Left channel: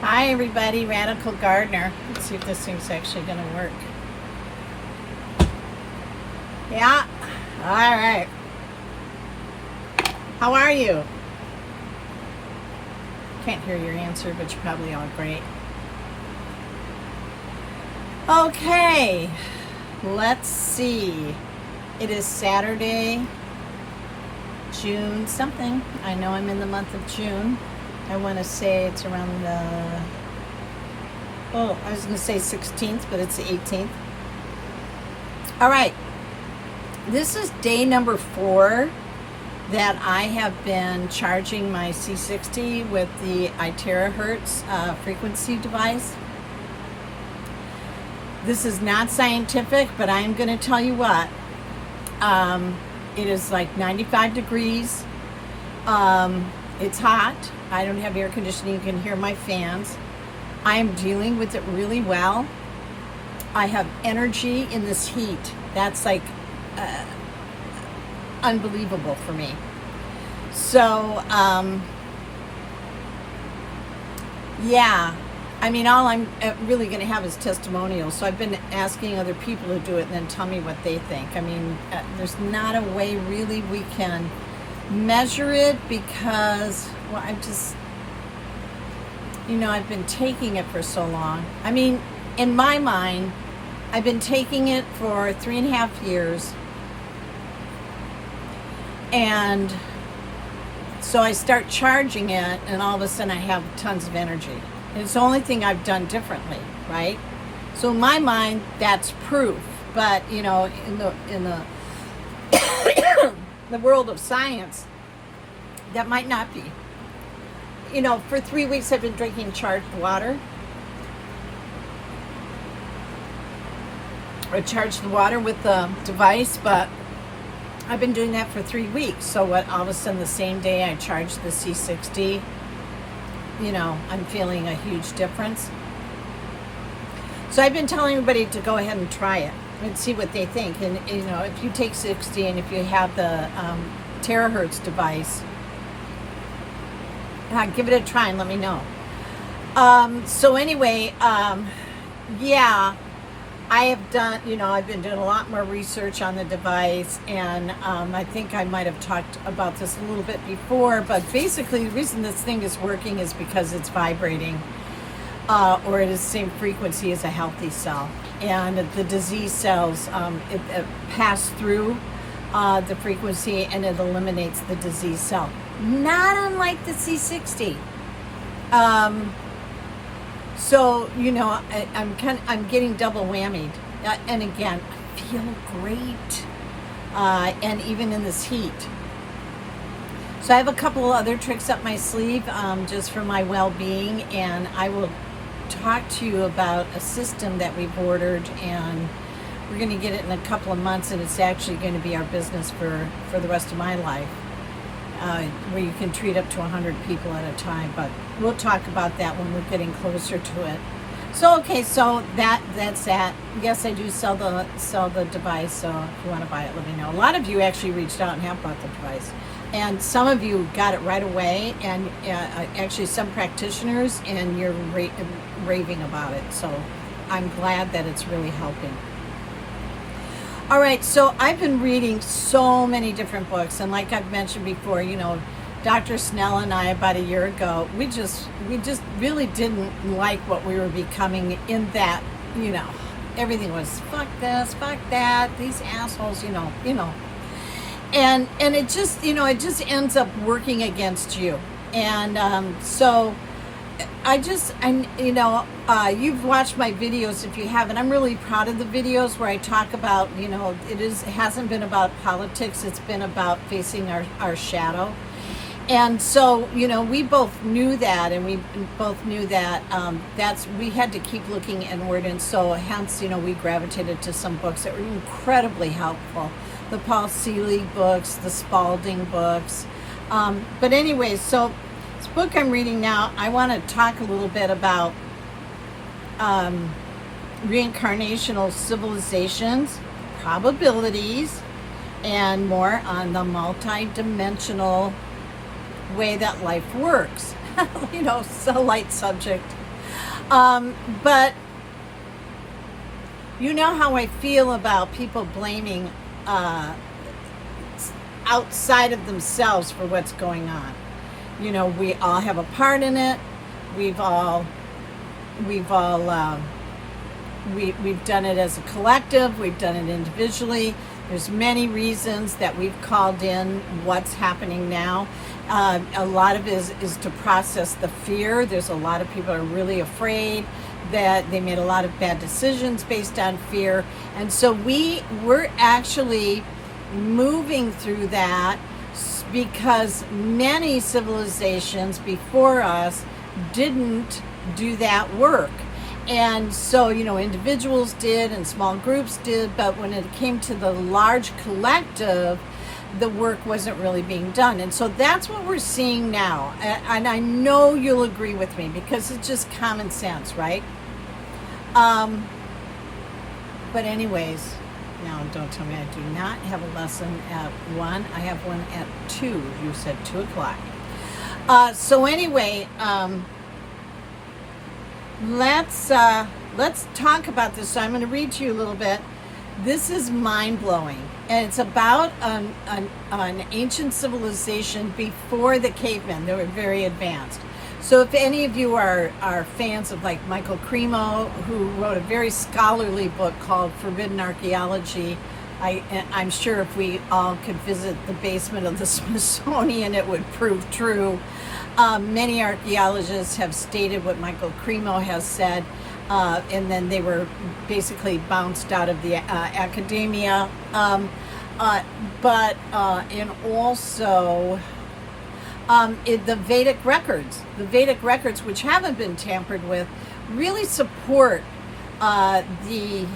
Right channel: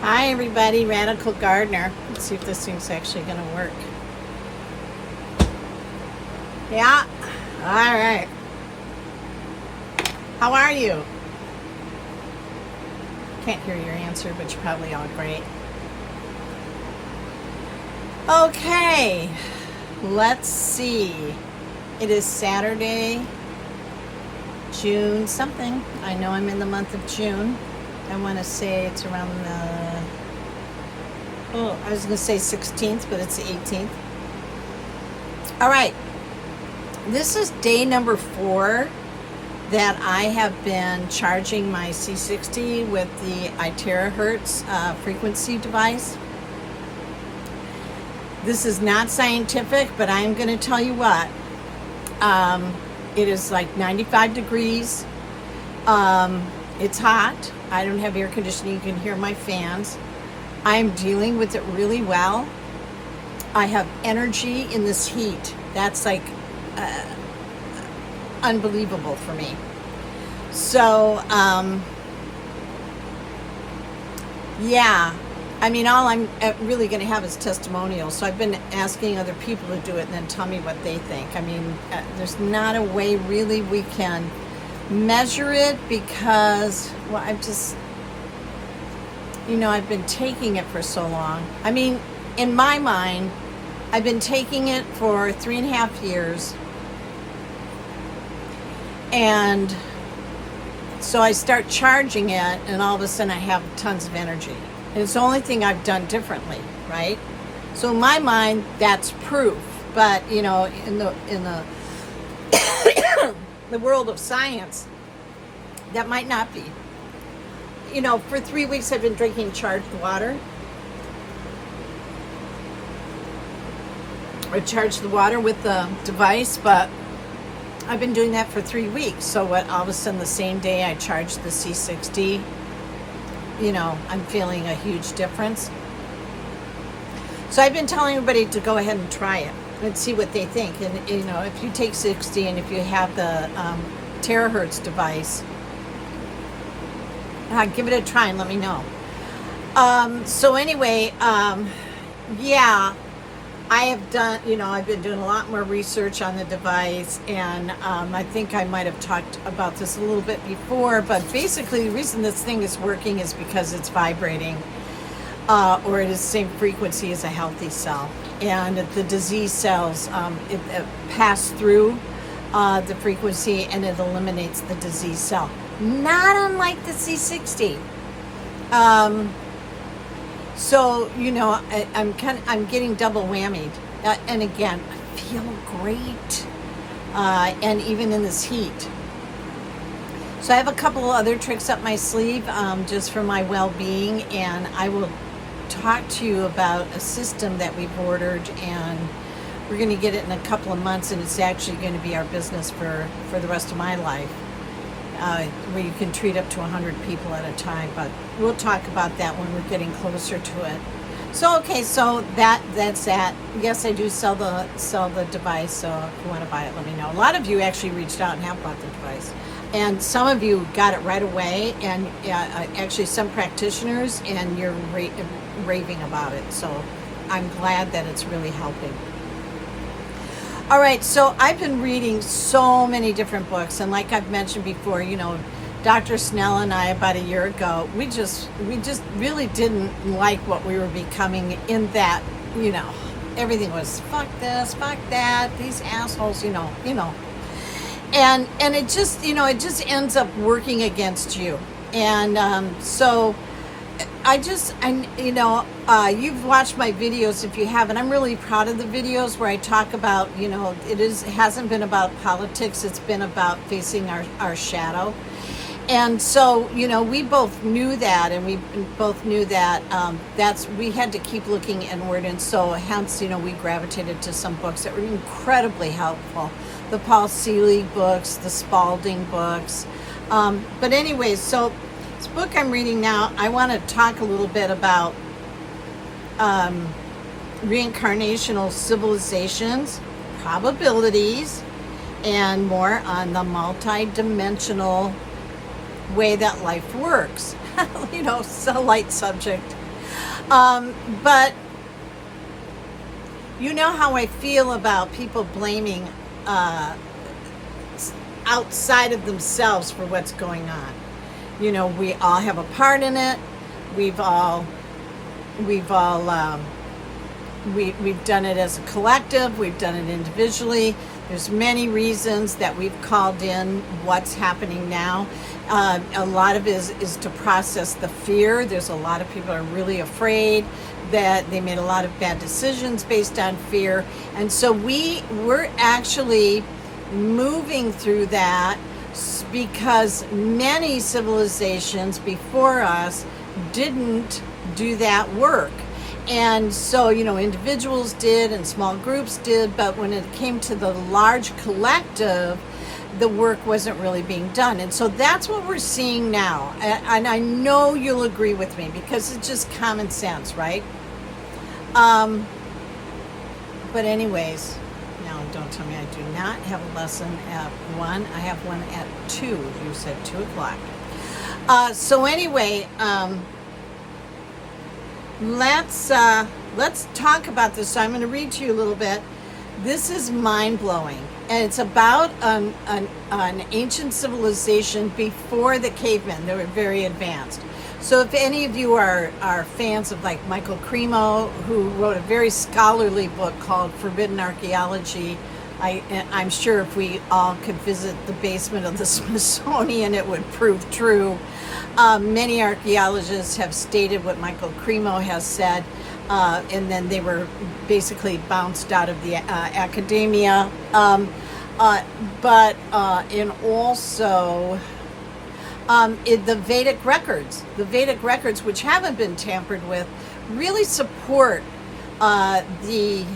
Hi everybody, Radical Gardener. Let's see if this thing's actually going to work. Yeah, all right. How are you? Can't hear your answer, but you're probably all great. Okay, let's see. It is Saturday, June something. I know I'm in the month of June. I want to say it's around the, I was going to say 16th, but it's the 18th. All right. This is day number 4 that I have been charging my C60 with the terahertz frequency device. This is not scientific, but I'm going to tell you what. It is like 95 degrees. It's hot. I don't have air conditioning. You can hear my fans. I am dealing with it really well. I have energy in this heat. That's like unbelievable for me. So, yeah. I mean, all I'm really going to have is testimonials. So I've been asking other people to do it and then tell me what they think. I mean, there's not a way really we can measure it because, well, I've just, I've been taking it for so long. I mean, in my mind, I've been taking it for 3.5 years. And so I start charging it and all of a sudden I have tons of energy. And it's the only thing I've done differently, right? So in my mind, that's proof. But, in the the world of science, that might not be. For 3 weeks I've been drinking charged water. I charged the water with the device, but I've been doing that for 3 weeks. So all of a sudden the same day I charged the C60, I'm feeling a huge difference. So I've been telling everybody to go ahead and try it and see what they think. And, if you take 60 and if you have the terahertz device, give it a try and let me know. So anyway, yeah, I have done, I've been doing a lot more research on the device, and I think I might have talked about this a little bit before, but basically the reason this thing is working is because it's vibrating, or it is the same frequency as a healthy cell. And the disease cells, it pass through the frequency and it eliminates the disease cell. Not unlike the C60. So, I'm getting double whammied. And again, I feel great. And even in this heat. So I have a couple of other tricks up my sleeve, just for my well-being, and I will talk to you about a system that we've ordered, and we're going to get it in a couple of months, and it's actually going to be our business for the rest of my life, where you can treat up to 100 people at a time. But we'll talk about that when we're getting closer to it. So okay, so that's that. Yes, I do sell the device, so if you want to buy it, let me know. A lot of you actually reached out and have bought the device, and some of you got it right away, and actually some practitioners, and you're raving about it. So I'm glad that it's really helping. All right, so I've been reading so many different books, and like I've mentioned before, Dr. Snell and I, about a year ago, we just really didn't like what we were becoming, in that, everything was fuck this, fuck that, these assholes, and it just, it just ends up working against you. And so you've watched my videos. If you haven't, I'm really proud of the videos where I talk about, it hasn't been about politics. It's been about facing our shadow. And so, we both knew that, and we both knew that we had to keep looking inward. And so hence, we gravitated to some books that were incredibly helpful. The Paul Selig books, the Spaulding books. But anyway, so this book I'm reading now, I want to talk a little bit about reincarnational civilizations, probabilities, and more on the multi-dimensional way that life works. It's a light subject, But you know how I feel about people blaming outside of themselves for what's going on. You know, we all have a part in it. We've done it as a collective. We've done it individually. There's many reasons that we've called in what's happening now. A lot of it is to process the fear. There's a lot of people are really afraid that they made a lot of bad decisions based on fear. And so we're actually moving through that because many civilizations before us didn't do that work. And so, you know, individuals did and small groups did, but when it came to the large collective, the work wasn't really being done. And so that's what we're seeing now. And I know you'll agree with me because it's just common sense, right? But anyways, now don't tell me I do not have a lesson at 1. I have one at 2. You said 2 o'clock. So anyway, let's talk about this. So I'm going to read to you a little bit. This is mind-blowing, and it's about an ancient civilization before the cavemen. They were very advanced. So if any of you are fans of like Michael Cremo, who wrote a very scholarly book called Forbidden Archaeology, I'm sure if we all could visit the basement of the Smithsonian, it would prove true. Many archaeologists have stated what Michael Cremo has said, and then they were basically bounced out of the academia. And also the Vedic records, which haven't been tampered with, really support the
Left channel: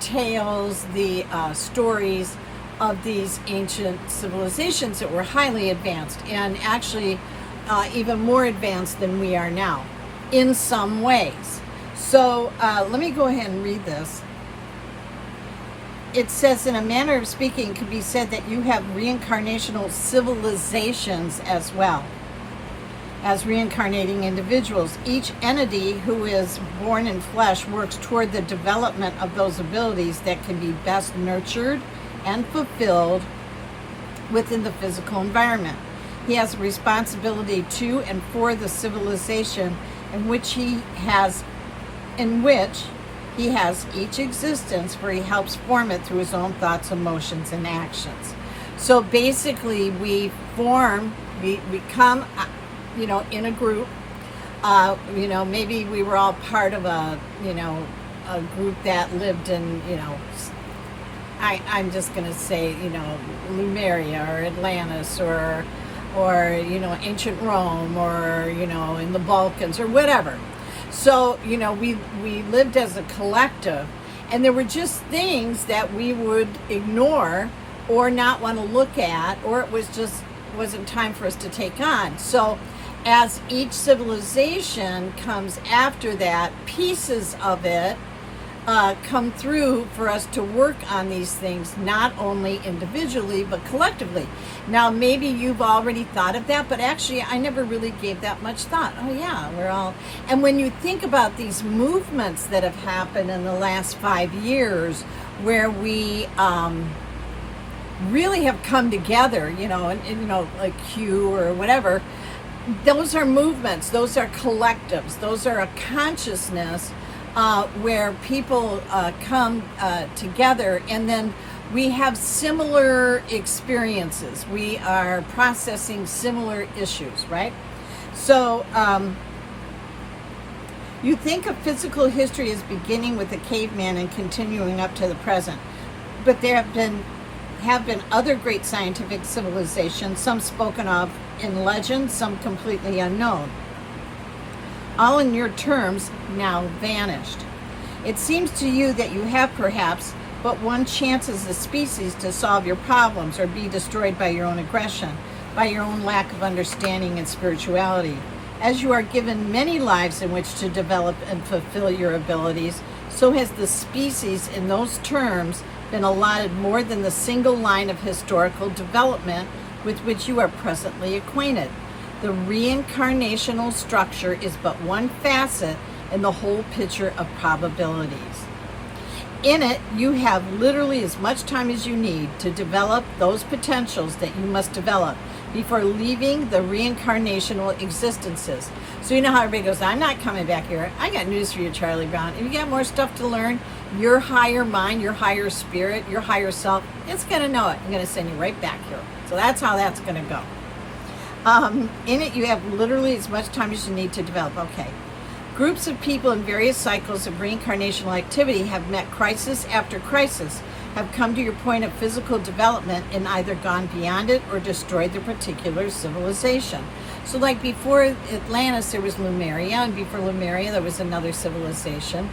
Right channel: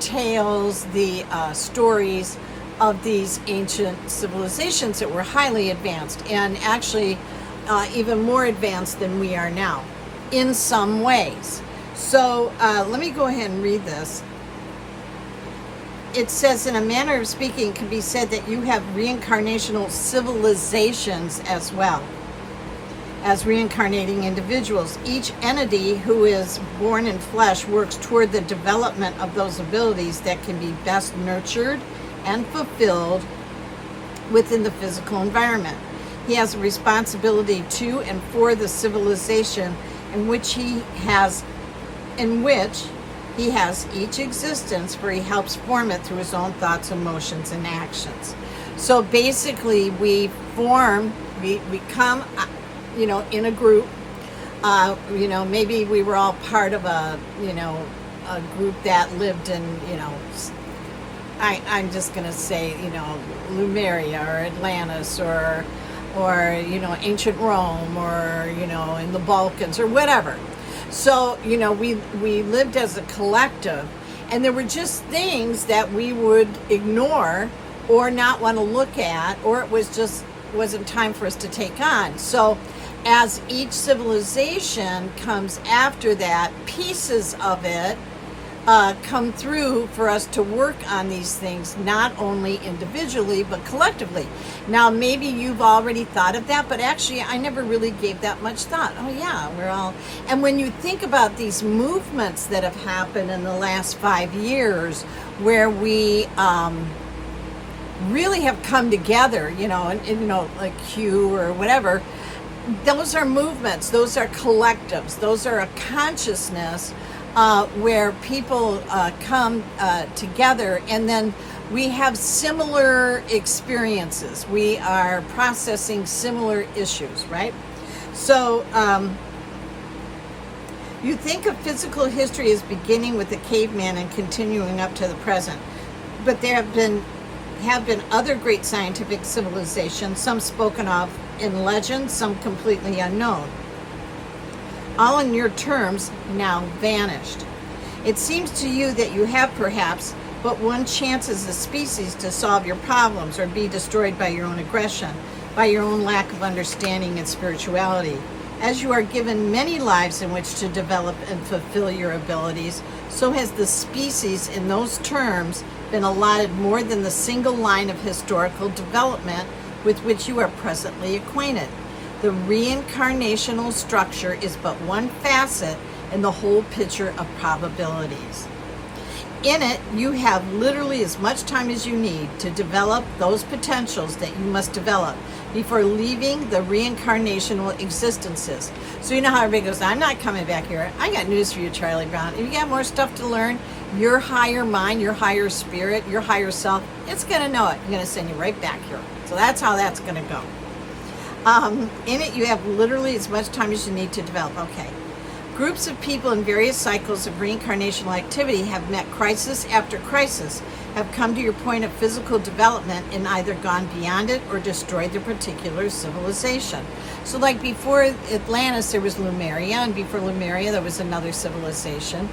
tales, the stories of these ancient civilizations that were highly advanced and actually even more advanced than we are now in some ways. So let me go ahead and read this. It says, in a manner of speaking, it can be said that you have reincarnational civilizations as well as reincarnating individuals. Each entity who is born in flesh works toward the development of those abilities that can be best nurtured and fulfilled within the physical environment. He has a responsibility to and for the civilization in which he has each existence, for he helps form it through his own thoughts, emotions, and actions. So basically we come, in a group, maybe we were all part of a group that lived in, I'm just going to say, Lemuria or Atlantis or ancient Rome or, in the Balkans or whatever. So, we lived as a collective, and there were just things that we would ignore or not want to look at, or it wasn't time for us to take on. So as each civilization comes after that, pieces of it come through for us to work on these things, not only individually, but collectively. Now, maybe you've already thought of that, but actually I never really gave that much thought. Oh yeah, and when you think about these movements that have happened in the last 5 years, where we really have come together, like Q or whatever, those are movements, those are collectives, those are a consciousness where people come together, and then we have similar experiences. We are processing similar issues, right? So you think of physical history as beginning with the caveman and continuing up to the present, but there have been other great scientific civilizations, some spoken of in legend, some completely unknown, all in your terms now vanished. It seems to you that you have perhaps but one chance as a species to solve your problems or be destroyed by your own aggression, by your own lack of understanding and spirituality. As you are given many lives in which to develop and fulfill your abilities, so has the species in those terms been allotted more than the single line of historical development with which you are presently acquainted. The reincarnational structure is but one facet in the whole picture of probabilities. In it, you have literally as much time as you need to develop those potentials that you must develop before leaving the reincarnational existences. So you know how everybody goes, I'm not coming back here. I got news for you, Charlie Brown. If you got more stuff to learn, your higher mind, your higher spirit, your higher self, it's going to know it. It's going to send you right back here. So that's how that's going to go. In it, you have literally as much time as you need to develop. Okay. Groups of people in various cycles of reincarnational activity have met crisis after crisis, have come to your point of physical development and either gone beyond it or destroyed their particular civilization. So like before Atlantis, there was Lemuria, and before Lemuria, there was another civilization.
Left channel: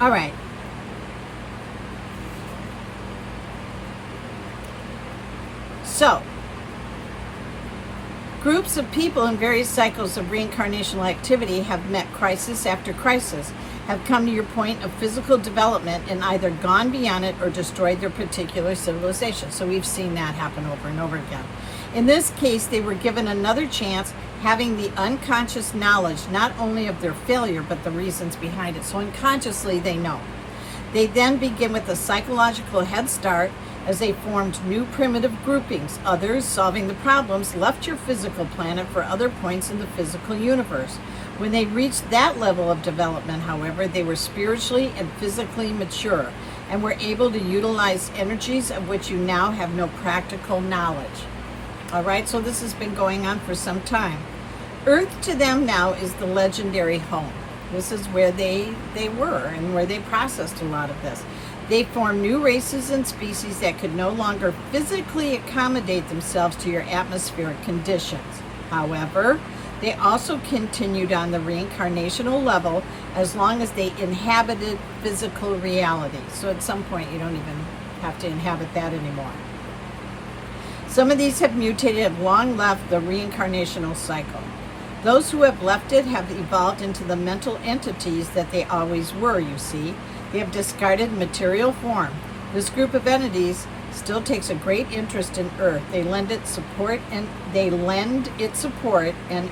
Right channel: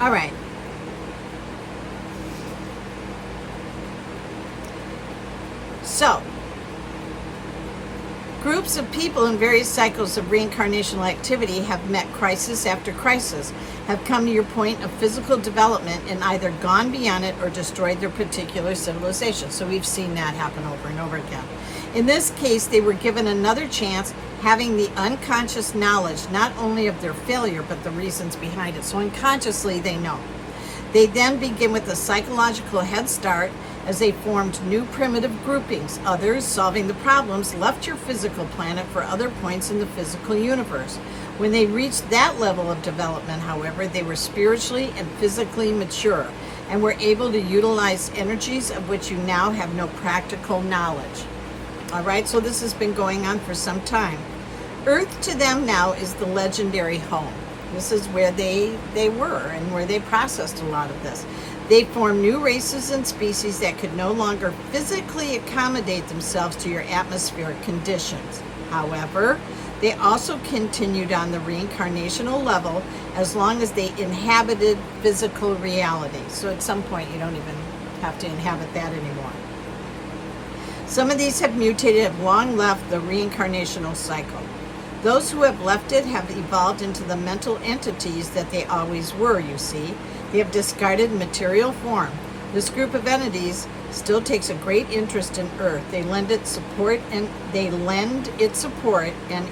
All right. So, groups of people in various cycles of reincarnational activity have met crisis after crisis, have come to your point of physical development and either gone beyond it or destroyed their particular civilization. So we've seen that happen over and over again. In this case, they were given another chance, having the unconscious knowledge not only of their failure, but the reasons behind it. So unconsciously, they know. They then begin with a psychological head start as they formed new primitive groupings. Others, solving the problems, left your physical planet for other points in the physical universe. When they reached that level of development, however, they were spiritually and physically mature and were able to utilize energies of which you now have no practical knowledge. All right, so this has been going on for some time. Earth to them now is the legendary home. This is where they were and where they processed a lot of this. They formed new races and species that could no longer physically accommodate themselves to your atmospheric conditions. However, they also continued on the reincarnational level as long as they inhabited physical reality. So at some point, you don't even have to inhabit that anymore. Some of these have mutated, have long left the reincarnational cycle. Those who have left it have evolved into the mental entities that they always were, you see. They have discarded material form. This group of entities still takes a great interest in Earth. They lend it support and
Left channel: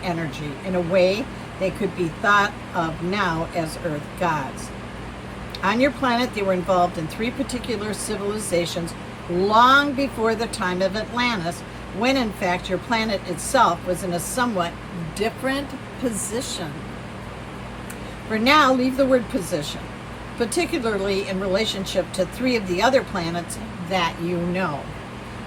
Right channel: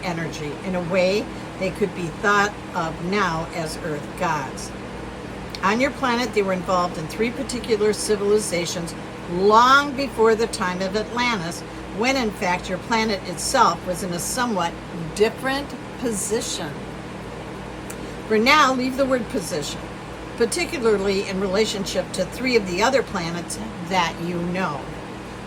energy. In a way, they could be thought of now as Earth gods. On your planet, they were involved in 3 particular civilizations long before the time of Atlantis, when in fact your planet itself was in a somewhat different position. For now, leave the word position, particularly in relationship to 3 of the other planets that you know.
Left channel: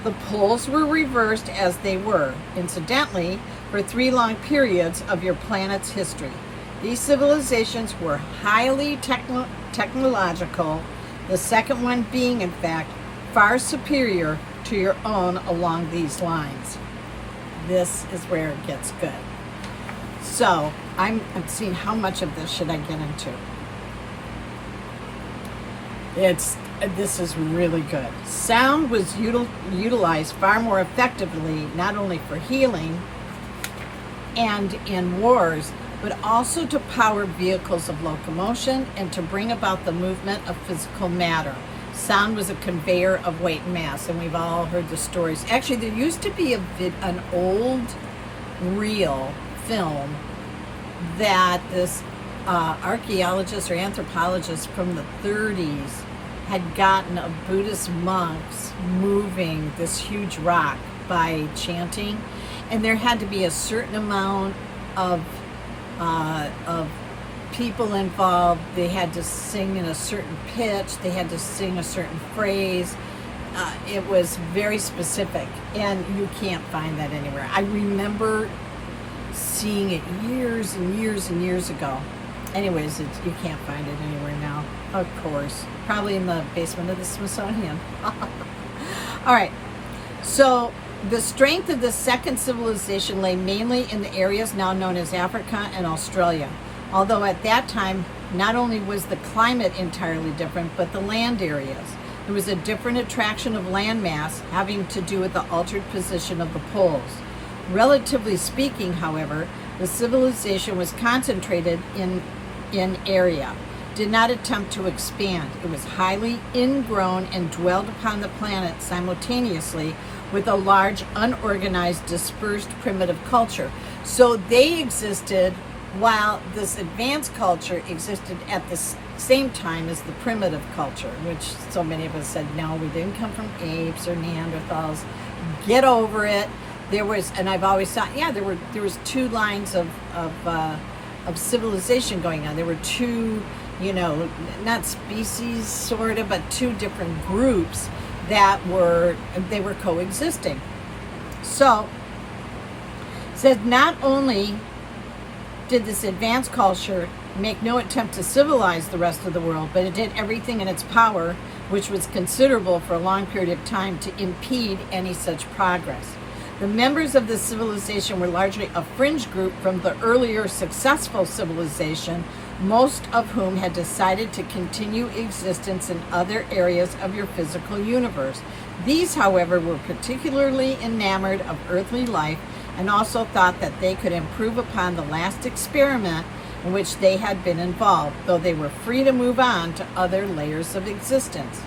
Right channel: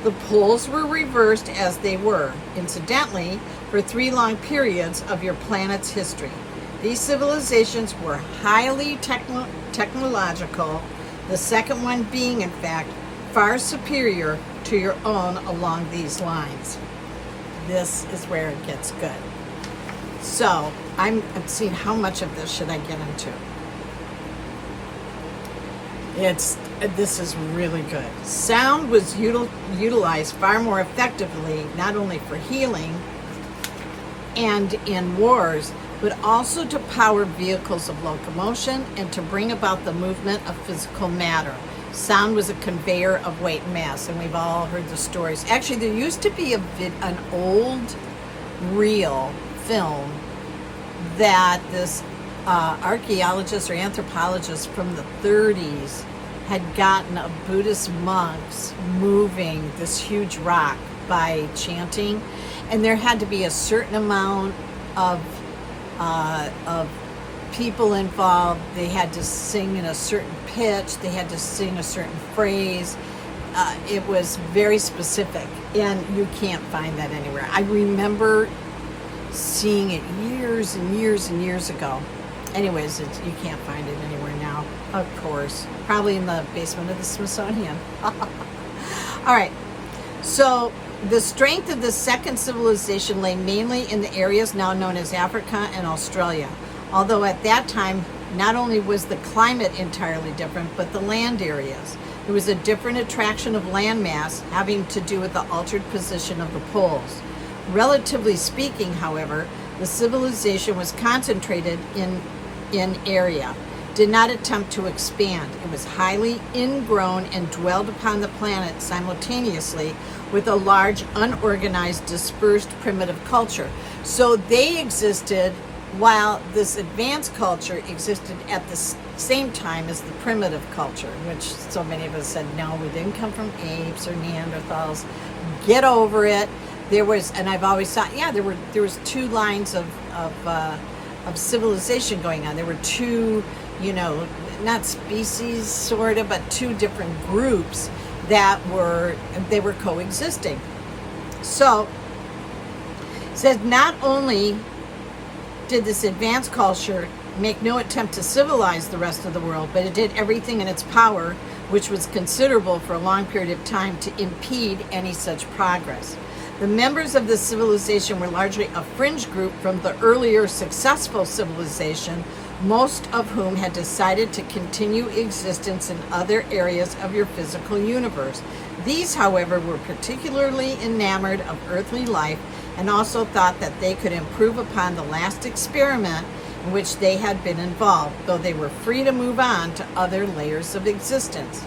The poles were reversed as they were, incidentally, for 3 long periods of your planet's history. These civilizations were highly technological, the second one being, in fact, far superior to your own along these lines. This is where it gets good. So, I'm seeing how much of this should I get into. This is really good. Sound was utilized far more effectively, not only for healing and in wars, but also to power vehicles of locomotion and to bring about the movement of physical matter. Sound was a conveyor of weight and mass, and we've all heard the stories. Actually, there used to be an old reel film that this archaeologist or anthropologist from the 30s had gotten of Buddhist monks moving this huge rock by chanting, and there had to be a certain amount of people involved. They had to sing in a certain pitch. They had to sing a certain phrase. It was very specific, and you can't find that anywhere. I remember seeing it years and years and years ago. Anyways, you can't find it anywhere now, of course. Probably in the basement of the Smithsonian. All right, so the strength of the second civilization lay mainly in the areas now known as Africa and Australia. Although at that time, not only was the climate entirely different, but the land areas. There was a different attraction of landmass having to do with the altered position of the poles. Relatively speaking, however, the civilization was concentrated in area, did not attempt to expand. It was highly ingrown and dwelled upon the planet simultaneously with a large, unorganized, dispersed, primitive culture. So they existed while this advanced culture existed at the same time as the primitive culture, which so many of us said, no, we didn't come from apes or Neanderthals. Get over it. There was, and I've always thought, yeah, there was two lines of civilization going on. There were two, not species sort of, but two different groups that were coexisting. So it says not only did this advanced culture make no attempt to civilize the rest of the world, but it did everything in its power, which was considerable for a long period of time, to impede any such progress. The members of this civilization were largely a fringe group from the earlier successful civilization, most of whom had decided to continue existence in other areas of your physical universe. These, however, were particularly enamored of earthly life and also thought that they could improve upon the last experiment in which they had been involved, though they were free to move on to other layers of existence.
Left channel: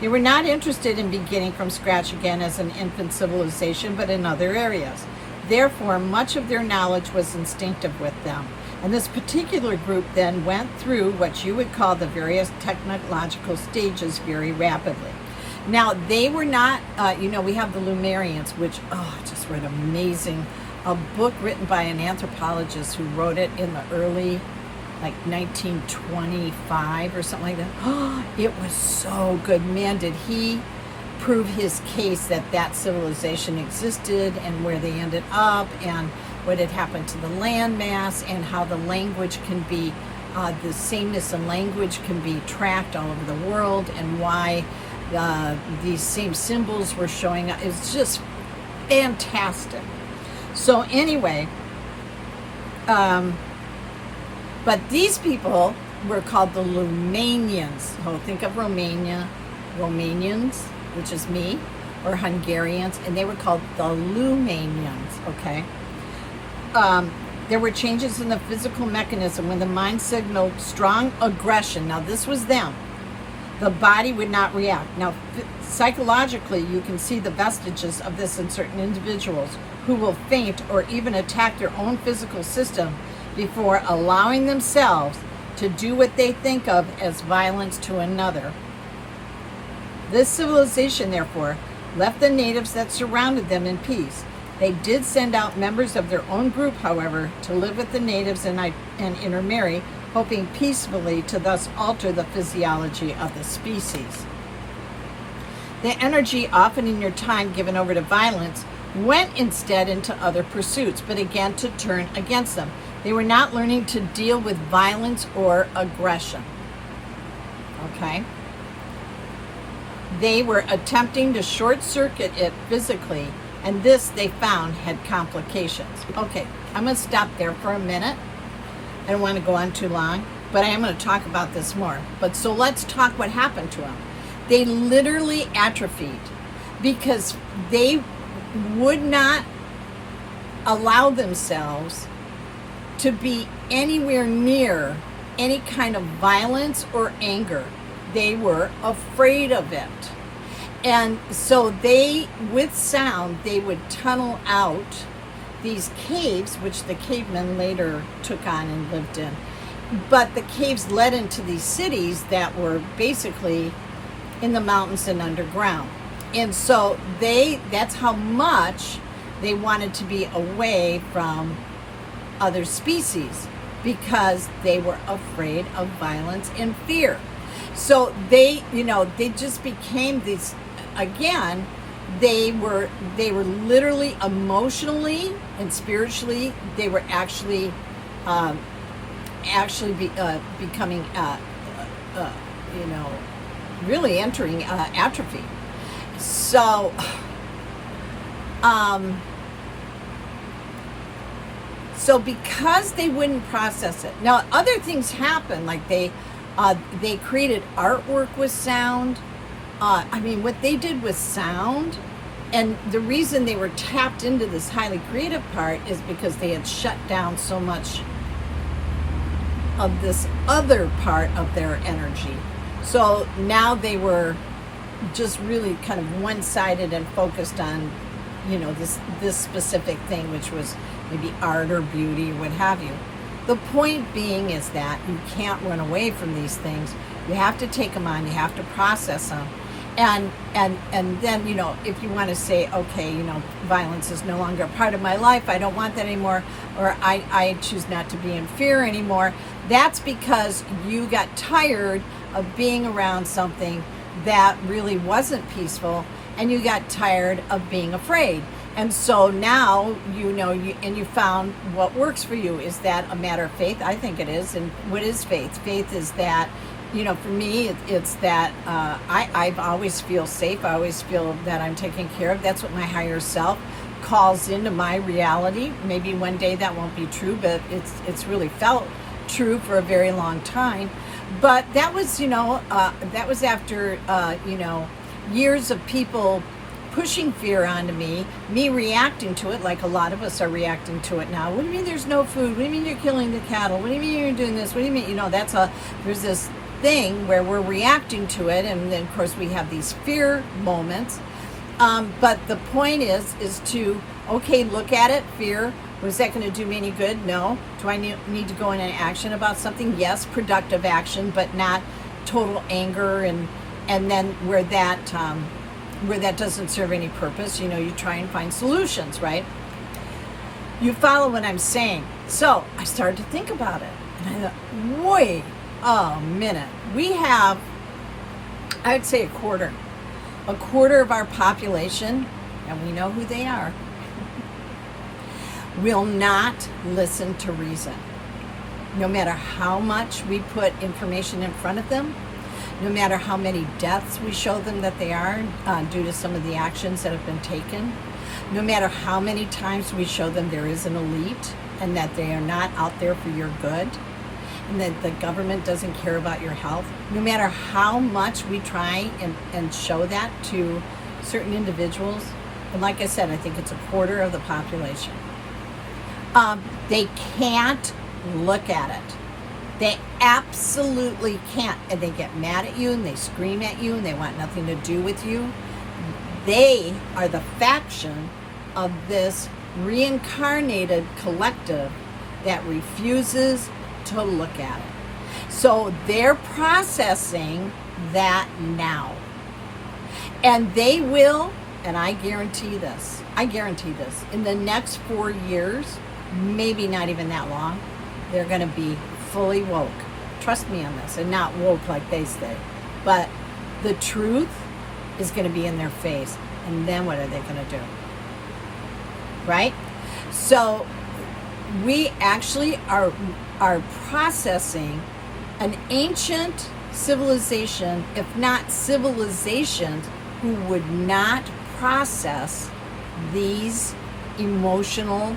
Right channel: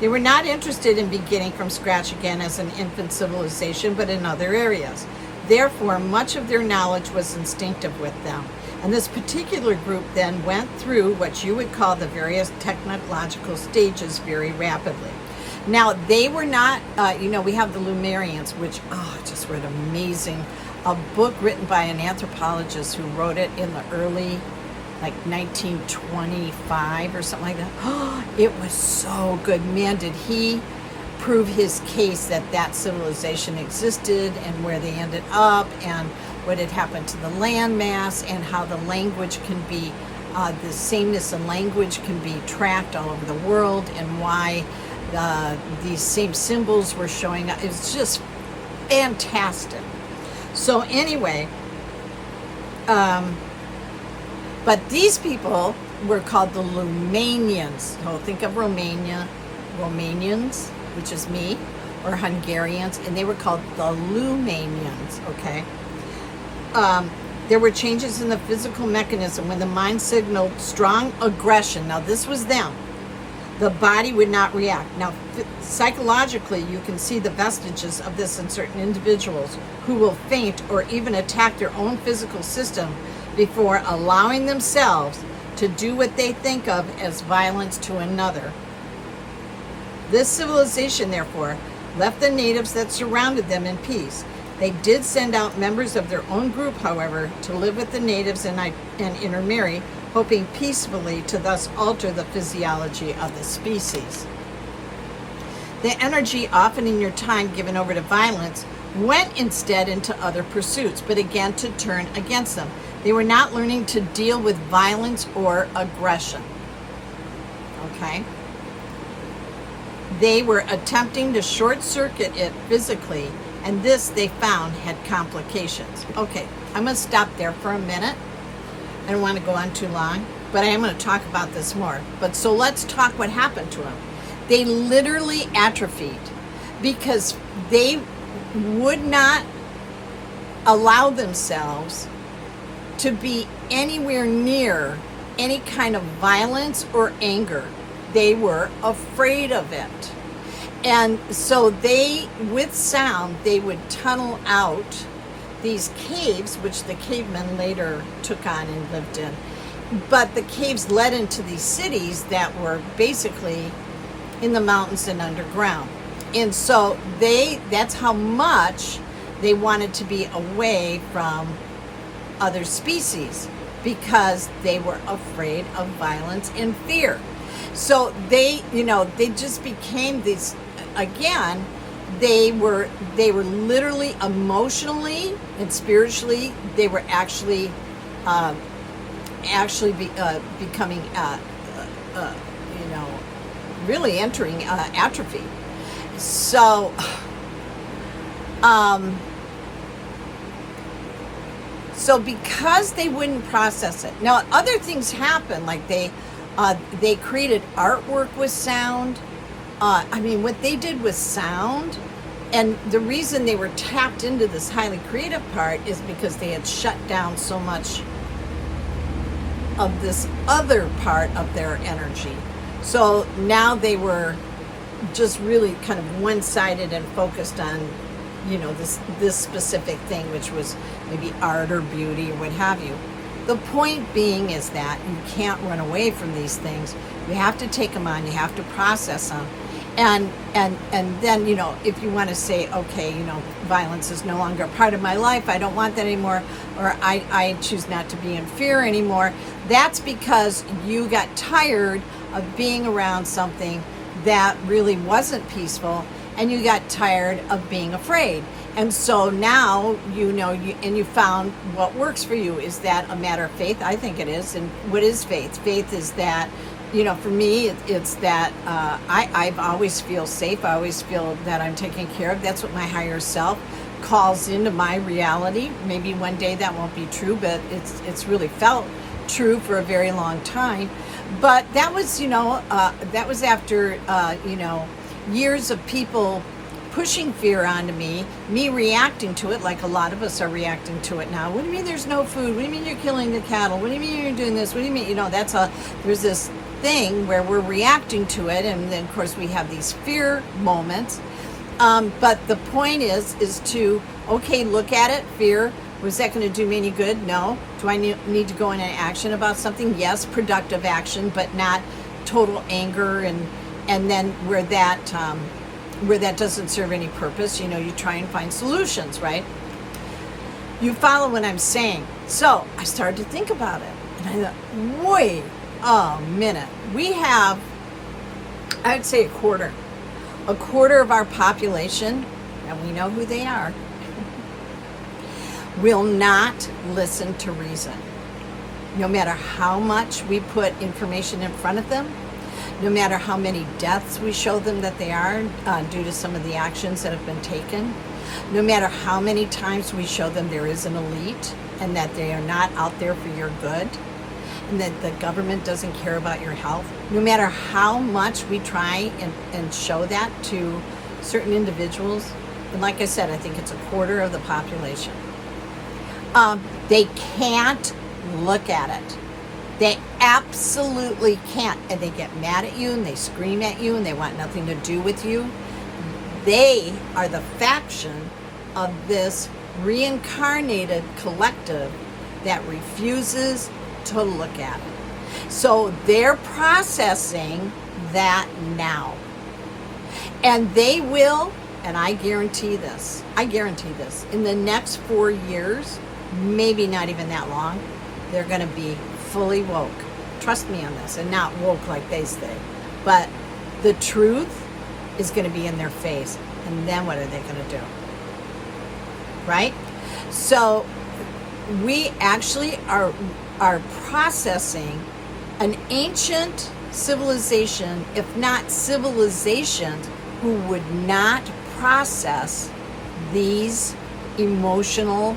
They were not interested in beginning from scratch again as an infant civilization, but in other areas. Therefore, much of their knowledge was instinctive with them. And this particular group then went through what you would call the various technological stages very rapidly. Now, they were not, we have the Lemurians, which, just were amazing. A book written by an anthropologist who wrote it in the early, 1925 or something like that. It was so good. Man, did he prove his case that civilization existed and where they ended up and what had happened to the landmass and how the language can be, the sameness in language can be tracked all over the world and why these same symbols were showing up. It's just fantastic. So anyway, but these people were called the Romanians. So think of Romanians, which is me, or Hungarians, and they were called the Lumanians, okay? There were changes in the physical mechanism when the mind signaled strong aggression. Now, this was them. The body would not react. Now, psychologically, you can see the vestiges of this in certain individuals who will faint or even attack their own physical system before allowing themselves to do what they think of as violence to another. This civilization, therefore, left the natives that surrounded them in peace. They did send out members of their own group, however, to live with the natives and intermarry, hoping peacefully to thus alter the physiology of the species. The energy, often in your time given over to violence, went instead into other pursuits, but again to turn against them. They were not learning to deal with violence or aggression. Okay? They were attempting to short circuit it physically, and this they found had complications. Okay, I'm going to stop there for a minute. I don't want to go on too long, but I am going to talk about this more. But so let's talk what happened to them. They literally atrophied because they would not allow themselves to be anywhere near any kind of violence or anger. They were afraid of it. And so they, with sound, they would tunnel out these caves, which the cavemen later took on and lived in. But the caves led into these cities that were basically in the mountains and underground. And so that's how much they wanted to be away from other species, because they were afraid of violence and fear. So they just became these, again, they were literally emotionally and spiritually, they were actually becoming, really entering atrophy. So, so because they wouldn't process it. Now, other things happen, like they created artwork with sound. What they did with sound, and the reason they were tapped into this highly creative part is because they had shut down so much of this other part of their energy. So now they were just really kind of one-sided and focused on, you know, this specific thing, which was maybe art or beauty or what have you. The point being is that you can't run away from these things. You have to take them on. You have to process them. And then, you know, if you want to say, okay, you know, violence is no longer a part of my life, I don't want that anymore, or I choose not to be in fear anymore, that's because you got tired of being around something that really wasn't peaceful, and you got tired of being afraid. And so now, you know, you found what works for you. Is that a matter of faith? I think it is. And what is faith? Faith is that, you know, for me, it's that I always feel safe. I always feel that I'm taken care of. That's what my higher self calls into my reality. Maybe one day that won't be true, but it's really felt true for a very long time. But that was, you know, that was after, you know, years of people pushing fear onto me reacting to it, like a lot of us are reacting to it now. What do you mean there's no food? What do you mean you're killing the cattle? What do you mean you're doing this? What do you mean, you know, there's this thing where we're reacting to it, and then of course we have these fear moments. But the point is to, okay, look at it, fear. Was that going to do me any good? No. Do I need to go into action about something? Yes, productive action, but not total anger and then where that doesn't serve any purpose, you know, you try and find solutions, right? You follow what I'm saying. So I started to think about it, and I thought, wait a minute. We have, I'd say a quarter of our population, and we know who they are, will not listen to reason. No matter how much we put information in front of them, no matter how many deaths we show them that they are due to some of the actions that have been taken, no matter how many times we show them there is an elite and that they are not out there for your good, and that the government doesn't care about your health, no matter how much we try and show that to certain individuals, and like I said, I think it's a quarter of the population, they can't look at it. They absolutely can't. And they get mad at you and they scream at you and they want nothing to do with you. They are the faction of this reincarnated collective that refuses to look at it. So they're processing that now. And they will, and I guarantee this, in the next 4 years, maybe not even that long, they're going to be fully woke. Trust me on this, and not woke like they say. But the truth is going to be in their face. And then what are they going to do? Right? So we actually are processing an ancient civilization, if not civilizations, who would not process these emotional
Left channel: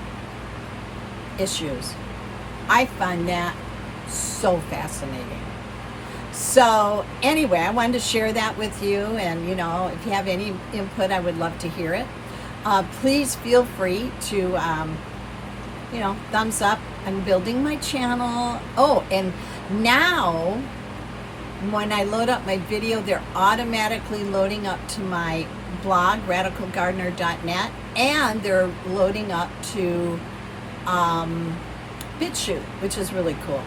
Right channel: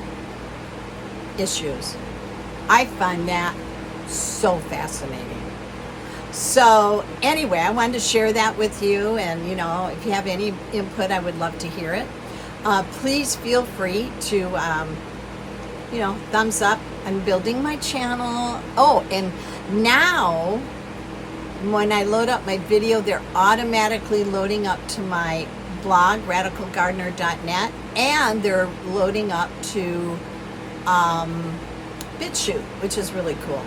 issues. I find that so fascinating. So anyway, I wanted to share that with you, and you know, if you have any input, I would love to hear it. Please feel free to, you know, thumbs up. I'm building my channel. Oh, and now when I load up my video, they're automatically loading up to my blog, radicalgardener.net, and they're loading up to BitChute, which is really cool.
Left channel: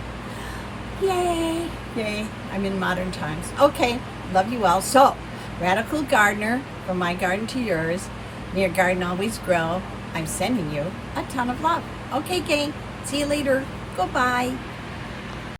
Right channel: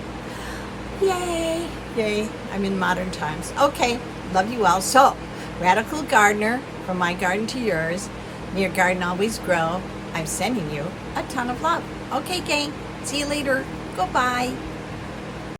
Yay, yay, I'm in modern times. Okay, love you all. So, Radical Gardener, from my garden to yours, may your garden always grow. I'm sending you a ton of love. Okay, gang, see you later. Goodbye.